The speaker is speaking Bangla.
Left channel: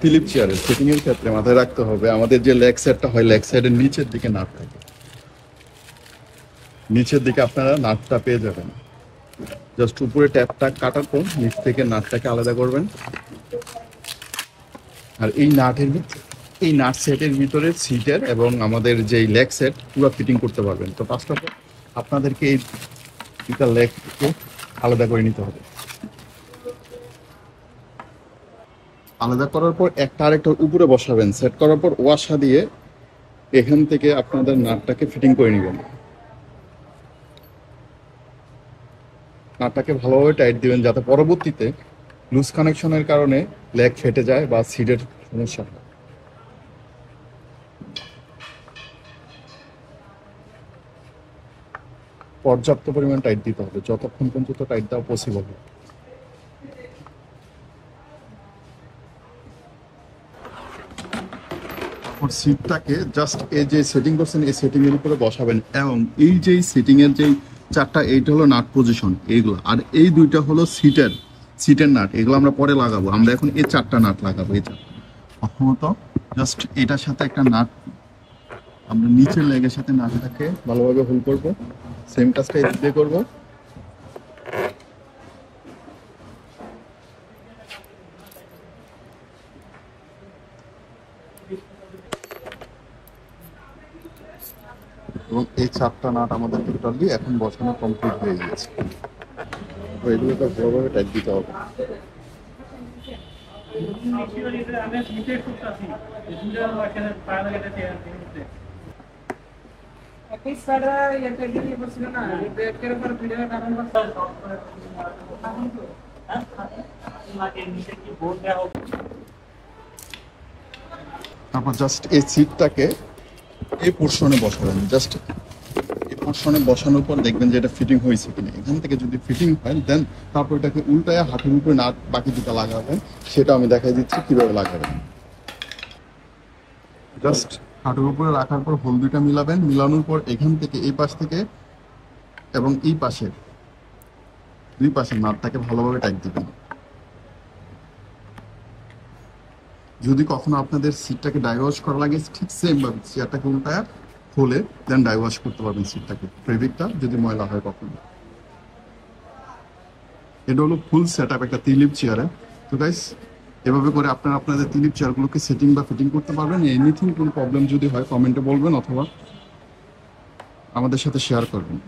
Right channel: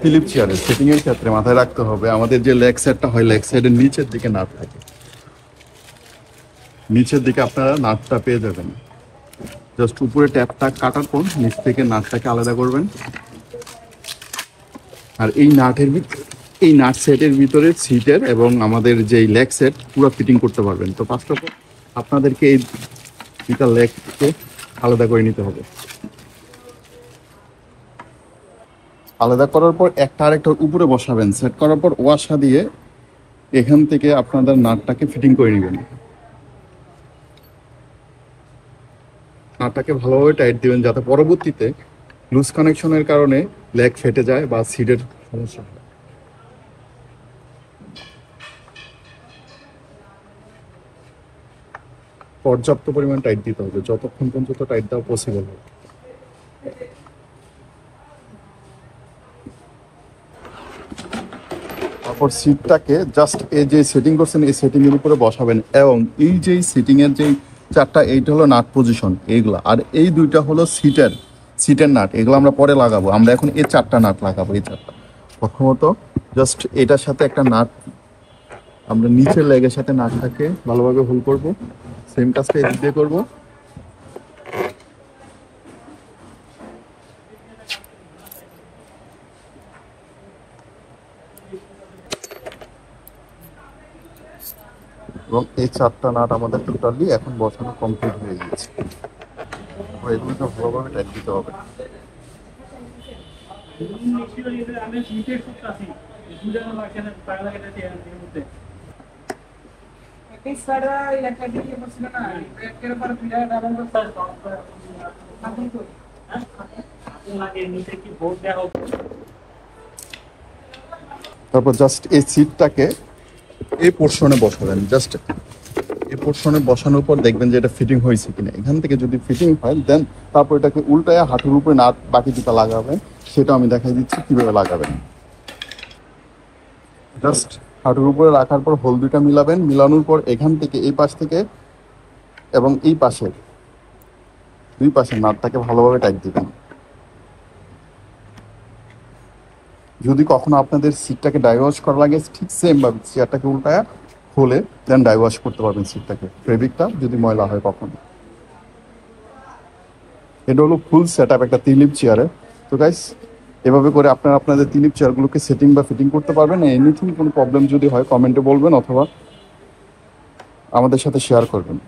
ফিলিপ চেয়ারে সিটিং এর ক্ষেত্রে মাথায় রাখতে হবে আমাদের যে লেগ সাইডটা হয় লেগ সাইডের নিচের দিকে নাট থাকে, নিচের দিকে আপনারা নাটটা পেয়ে যাবেন। জাস্ট উপরে ট্যাপটা কাটার পর নিচ থেকে নাটটাকে আলাদা করবেন। আর এই নাট সেটের ভিতরে সিটের এবং আমাদের যে লেগ সেট পুরো ফিটিং করতে পারবেন। তো ফার্স্ট অফ অল আপনাদেরকে এই দুটা লেগকে আলাদা করে নিতে হবে। আলাদা করার পর একটা আরেকটার উপরে বসাবেন। সেট করার পর ওয়াশা দিয়ে এখান থেকে আপনাদের নাটটাকে ফিটিং করে নেবেন। নাটটাকে ভালোভাবে টাইট দিবেন যাতে পরবর্তীতে লুজ কানেকশনের কারণে লেগ ফেটে যায় বা সিটের সমস্যা হয়। পর্যাপ্ত পরিমাণ টাইট দিতে হবে, যতক্ষণ পর্যন্ত টাইট দেওয়া পসিবল হবে। তারপর সিটটাকে জাস্ট এই যে সেটিং করছেন এই সেটিং এর উপরে বসাবেন এবং এই যে সিটিং এর যে চারটা এইটা হলো নাট পজিশন এইগুলা, আর এই দুইটা হলো সিটের নাট, এগুলো আমরা পরে লাগাবো। আমরা এখন এই চারটা নাট লাগাবো। এই চারটা প্রথমত জাস্ট এটার সাথে একটা নাট আমরা নিচের লেগের সাথে নাটটাকে ভালোভাবে হোল্ড করব। সেম কাজটা এই দিয়ে করবো। এবং এই চারটা নাট আমাদের টোটালি এখন বসানো কমপ্লিট হয়ে গেছে। তো এগুলো তো ভালোভাবে টাইট দিতে হবে। তারপর জাস্ট এই সিটটাকে এই পোর্শনে বসাবেন। জাস্ট এই পোর্শনে বসানোর পর দেখবেন যে এটা ফিটিং হয়েছে কিনা। এখান থেকে যদি ফিটিং হয় দেন তারপর এটাকে উল্টায় হাঁটুর উপরে নাট বাকি দুটা লাগাবেন। সেটা আমি দেখাই দিচ্ছি কিভাবে লাগাবেন। জাস্ট হাঁটুর উপরে রাখার পর হোল দুইটা মিলাবেন। মিলানোর পর এখান থেকে এই পাশ থেকে এবং এই পাশের দুই পাশের নাটটাকে ভালোভাবে টাইট দিবেন। যদি কখনো আপনাদের সিটটাকে ডাইওয়াশ করা লাগে ঠিক সেম ভাবে চেয়ারটাকে উল্টায় খুলে দেন ডাইওয়াশ করতে পারবেন সিটটাকে, ফেব্রিকটা যদি ময়লা হয় কখনো। এটা হলো ফুল সেট আপ একটা তিলিপ চেয়ারে। তো গাইস এভাবে করে আপনারা আপনাদের তিলিপ চেয়ারগুলোকে সেটিং বা ফিটিং করতে পারবেন। এনিথিং কোনো প্রবলেম যদি হয় কমেন্টে বলবেন অথবা আমাদের সাথে শেয়ার করবেন।